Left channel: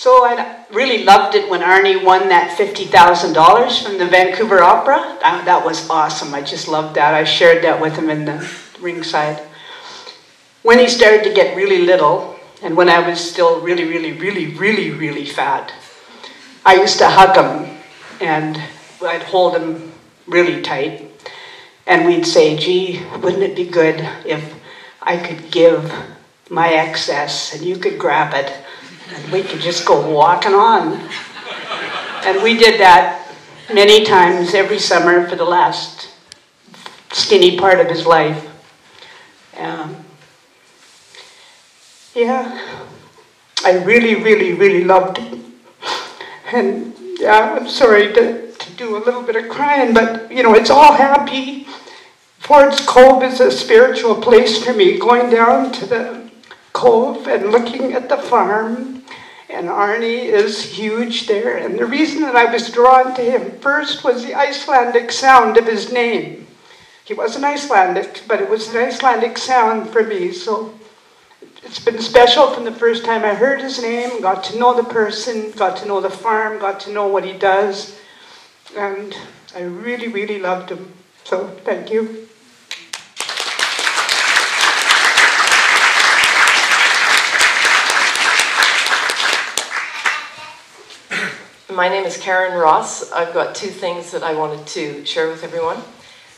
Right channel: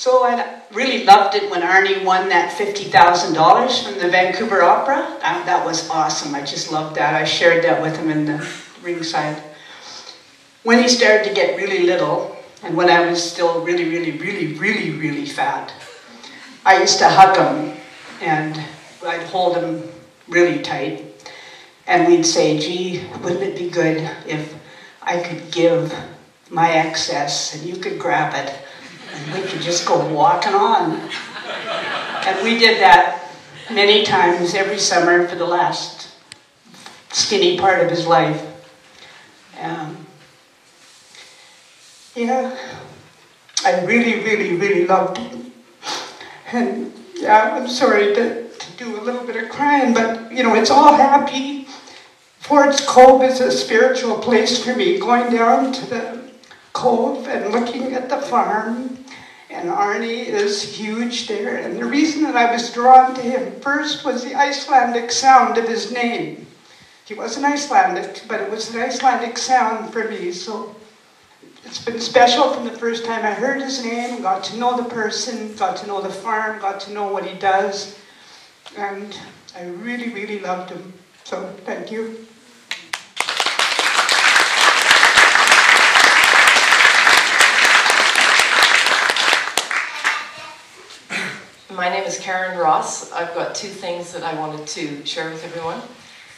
So I really loved it when Arnie won that $50,000 from the Vancouver Opera. That was awesome. I just loved that. I shared that with him in the ringside. When he started to get really little, and when I was still really fat, I used to hug him, and I'd hold him really tight. And we'd say, gee, wouldn't it be good if I could give my excess and you could grab it? And we could just go walking on. And we did that many times every summer for the last skinny part of his life. Yeah, I really loved him. And yeah, I'm sorry to do a little bit of crying, but you know, it's all happy. Ford's Cove is a spiritual place for me, going down to the cove and looking at the farm. And Arnie is huge there. And the reason that I was drawn to him first was the Icelandic sound of his name. He wasn't Icelandic, but it was an Icelandic sound for me. So it's been special from the first time I heard his name, got to know the person, got to know the farm, got to know what he does. And I really loved him. So thank you. My name is Karen Ross. I've got two things that I wanted to share with everyone.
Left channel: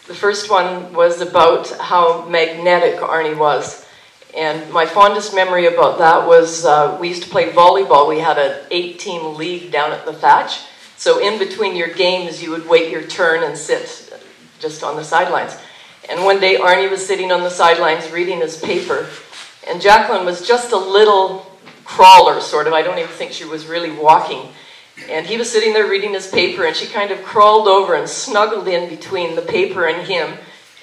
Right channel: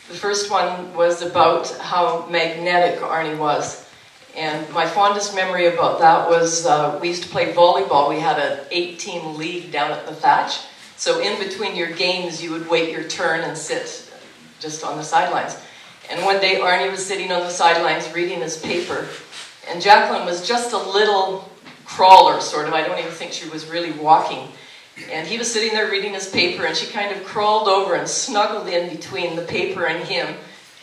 The first one was about how magnetic Arnie was. And my fondest memory about that was we used to play volleyball. We had an 8-team league down at the Thatch. So in between your games, you would wait your turn and sit just on the sidelines. And one day, Arnie was sitting on the sidelines reading his paper. And Jacqueline was just a little crawler, sort of. I don't even think she was really walking. And he was sitting there reading his paper, and she kind of crawled over and snuggled in between the paper and him.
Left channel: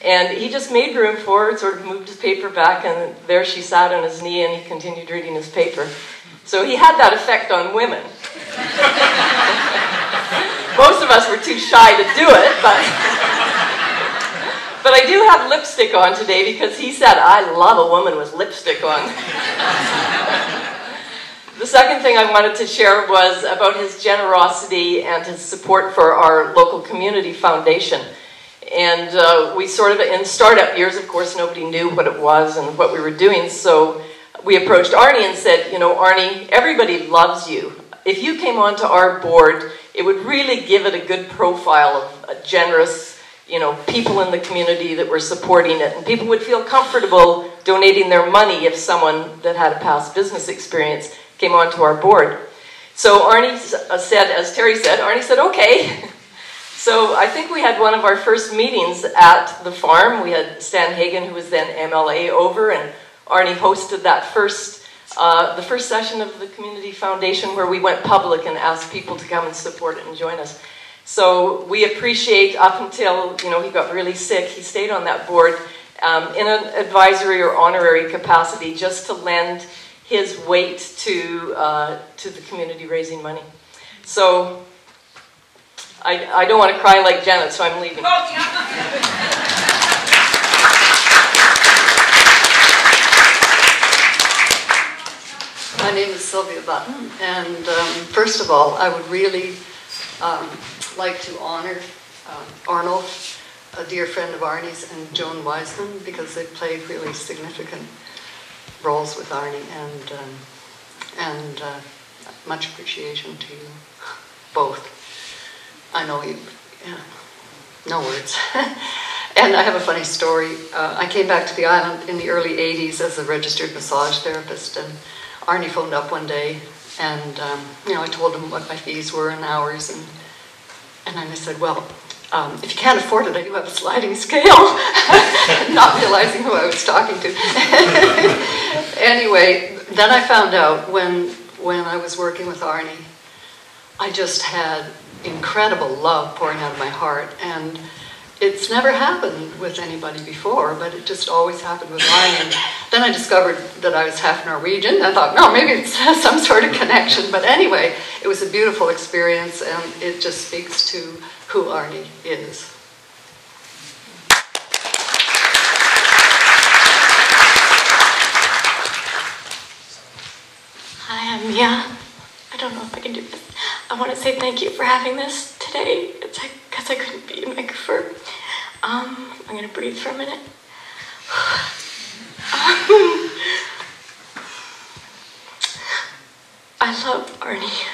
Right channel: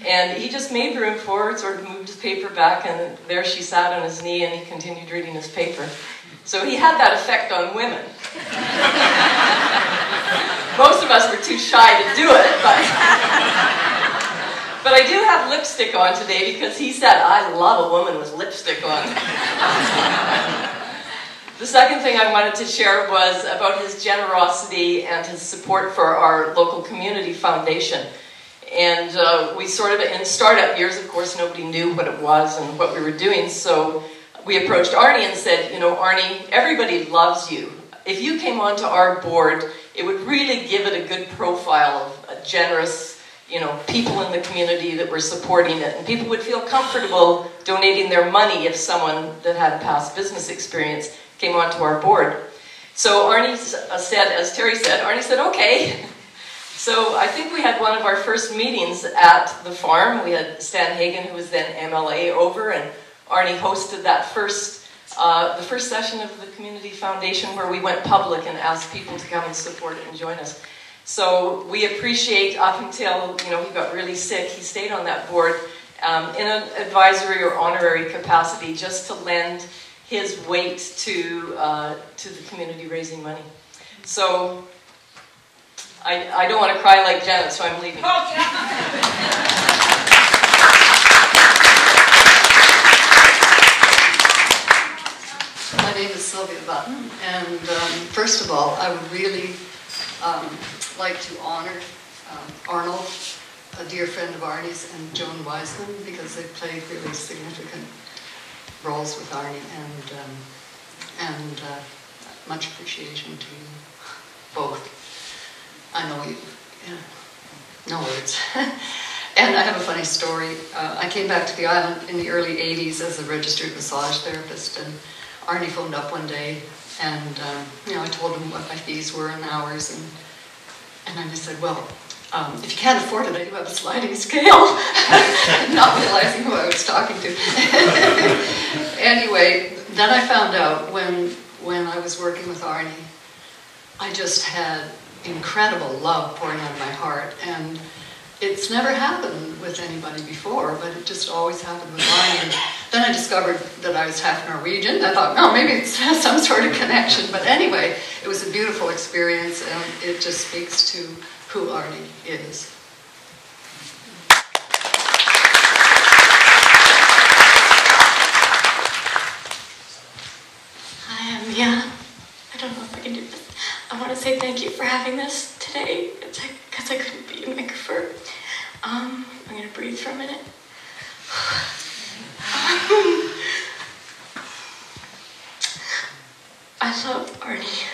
And he just made room for her, sort of moved his paper back, and there she sat on his knee, and he continued reading his paper. So he had that effect on women. Most of us were too shy to do it, but I do have lipstick on today because he said, I love a woman with lipstick on. The second thing I wanted to share was about his generosity and his support for our local community foundation. And we sort of, in startup years, of course, nobody knew what it was and what we were doing. So we approached Arnie and said, you know, Arnie, everybody loves you. If you came onto our board, it would really give it a good profile of generous, you know, people in the community that were supporting it. And people would feel comfortable donating their money if someone that had a past business experience came onto our board. So Arnie said, as Terry said, Arnie said, okay. So I think we had one of our first meetings at the farm. We had Stan Hagen, who was then MLA, over, and Arnie hosted that the first session of the Community Foundation where we went public and asked people to come and support it and join us. So we appreciate, up until, you know, he got really sick, he stayed on that board in an advisory or honorary capacity just to lend his weight to the community raising money. So I don't want to cry like Janet, so I'm leaving. Oh, yeah. My name is Sylvia Button, and first of all, I would really like to honor Arnold, a dear friend of Arnie's, and Joan Wiseman, because they played really significant roles with Arnie, and much appreciation to you both. I know you, yeah, no words. And I have a funny story. I came back to the island in the early 80s as a registered massage therapist, and Arnie phoned up one day, and you know, I told him what my fees were and hours, and then I said, well, if you can't afford it, I do have a sliding scale, not realizing who I was talking to. Anyway, then I found out when I was working with Arnie, I just had incredible love pouring out of my heart, and it's never happened with anybody before, but it just always happened with Arnie. Then I discovered that I was half Norwegian. I thought, no, maybe it has some sort of connection, but anyway, it was a beautiful experience, and it just speaks to who Arnie is. Hi, I'm Mia. I don't can do this. I want to say thank you for having this today. It's because I couldn't be a microphone. I'm going to breathe for a minute. I love Arnie,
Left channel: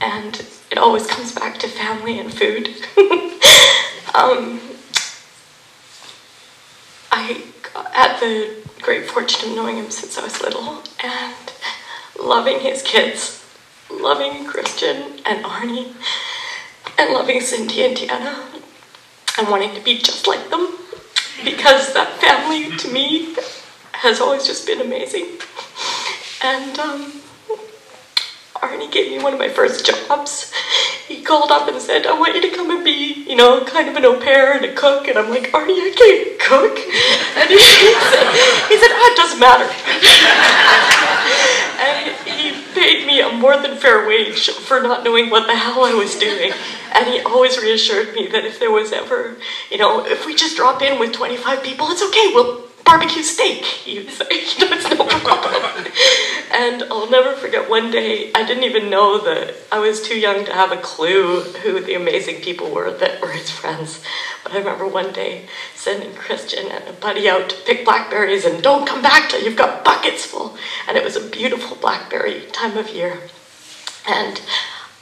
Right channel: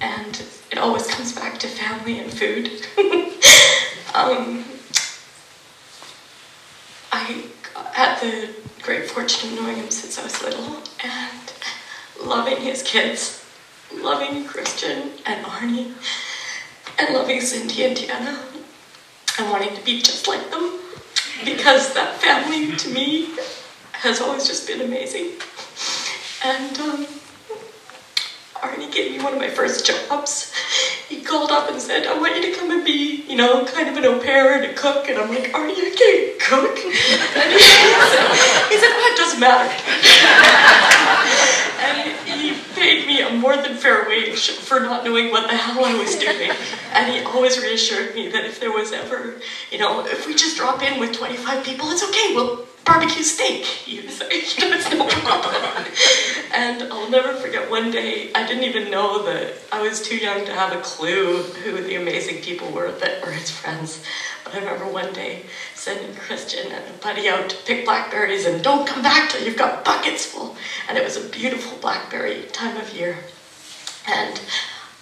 and it always comes back to family and food. I had the great fortune of knowing him since I was little, and loving his kids, loving Christian and Arnie, and loving Cindy and Deanna, and wanting to be just like them, because that family, to me, has always just been amazing. And Arnie gave me one of my first jobs. He called up and said, I want you to come and be, you know, kind of an au pair and a cook. And I'm like, Arnie, I can't cook. And he said, well, it doesn't matter. And he paid me a more than fair wage for not knowing what the hell I was doing. And he always reassured me that if there was ever, you know, if we just drop in with 25 people, it's okay, we'll barbecue steak, he would say. You know, it's no problem. And I'll never forget one day, I didn't even know that I was too young to have a clue who the amazing people were that were his friends. But I remember one day sending Christian and a buddy out to pick blackberries and don't come back till you've got buckets full. And it was a beautiful blackberry time of year. And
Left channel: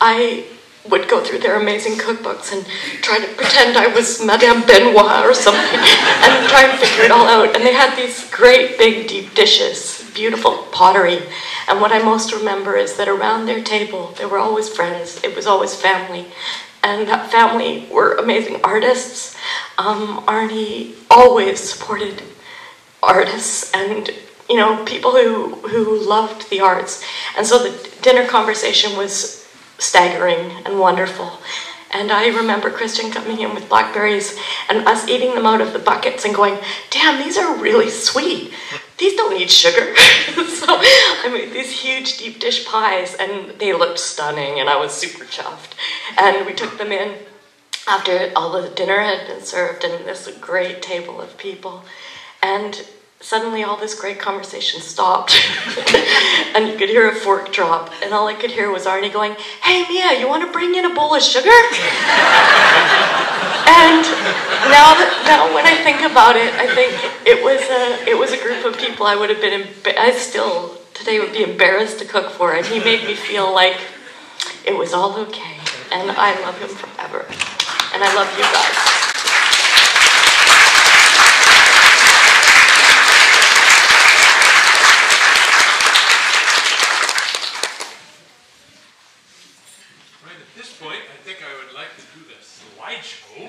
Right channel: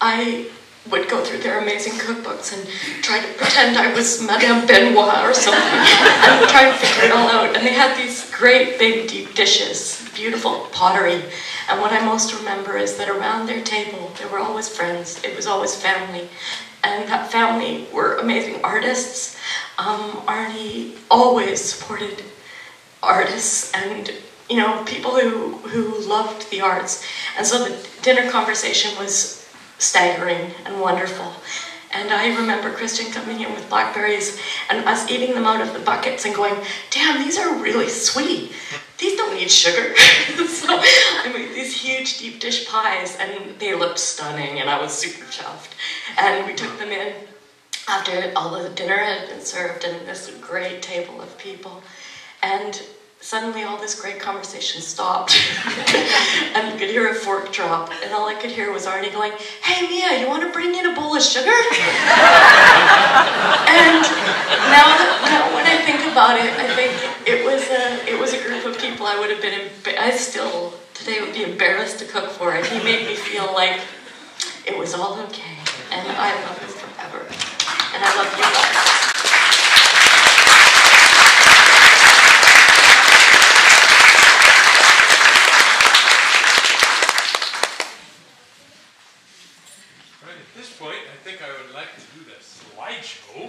I would go through their amazing cookbooks and try to pretend I was Madame Benoit or something and try to figure it all out. And they had these great big deep dishes, beautiful pottery. And what I most remember is that around their table, they were always friends. It was always family. And that family were amazing artists. Arnie always supported artists and, you know, people who loved the arts. And so the dinner conversation was staggering and wonderful. And I remember Christian coming in with blackberries and us eating them out of the buckets and going, damn, these are really sweet. These don't need sugar. So I made these huge deep dish pies and they looked stunning and I was super chuffed. And we took them in after all the dinner had been served and this great table of people. And suddenly all this great conversation stopped and you could hear a fork drop and all I could hear was Arnie going, hey Mia, you want to bring in a bowl of sugar? And now when I think about it, I think it was a group of people I would have been, I still today would be embarrassed to cook for, and he made me feel like it was all okay. And I love him forever. And I love you guys. At this point, I think I would like to do the slideshow.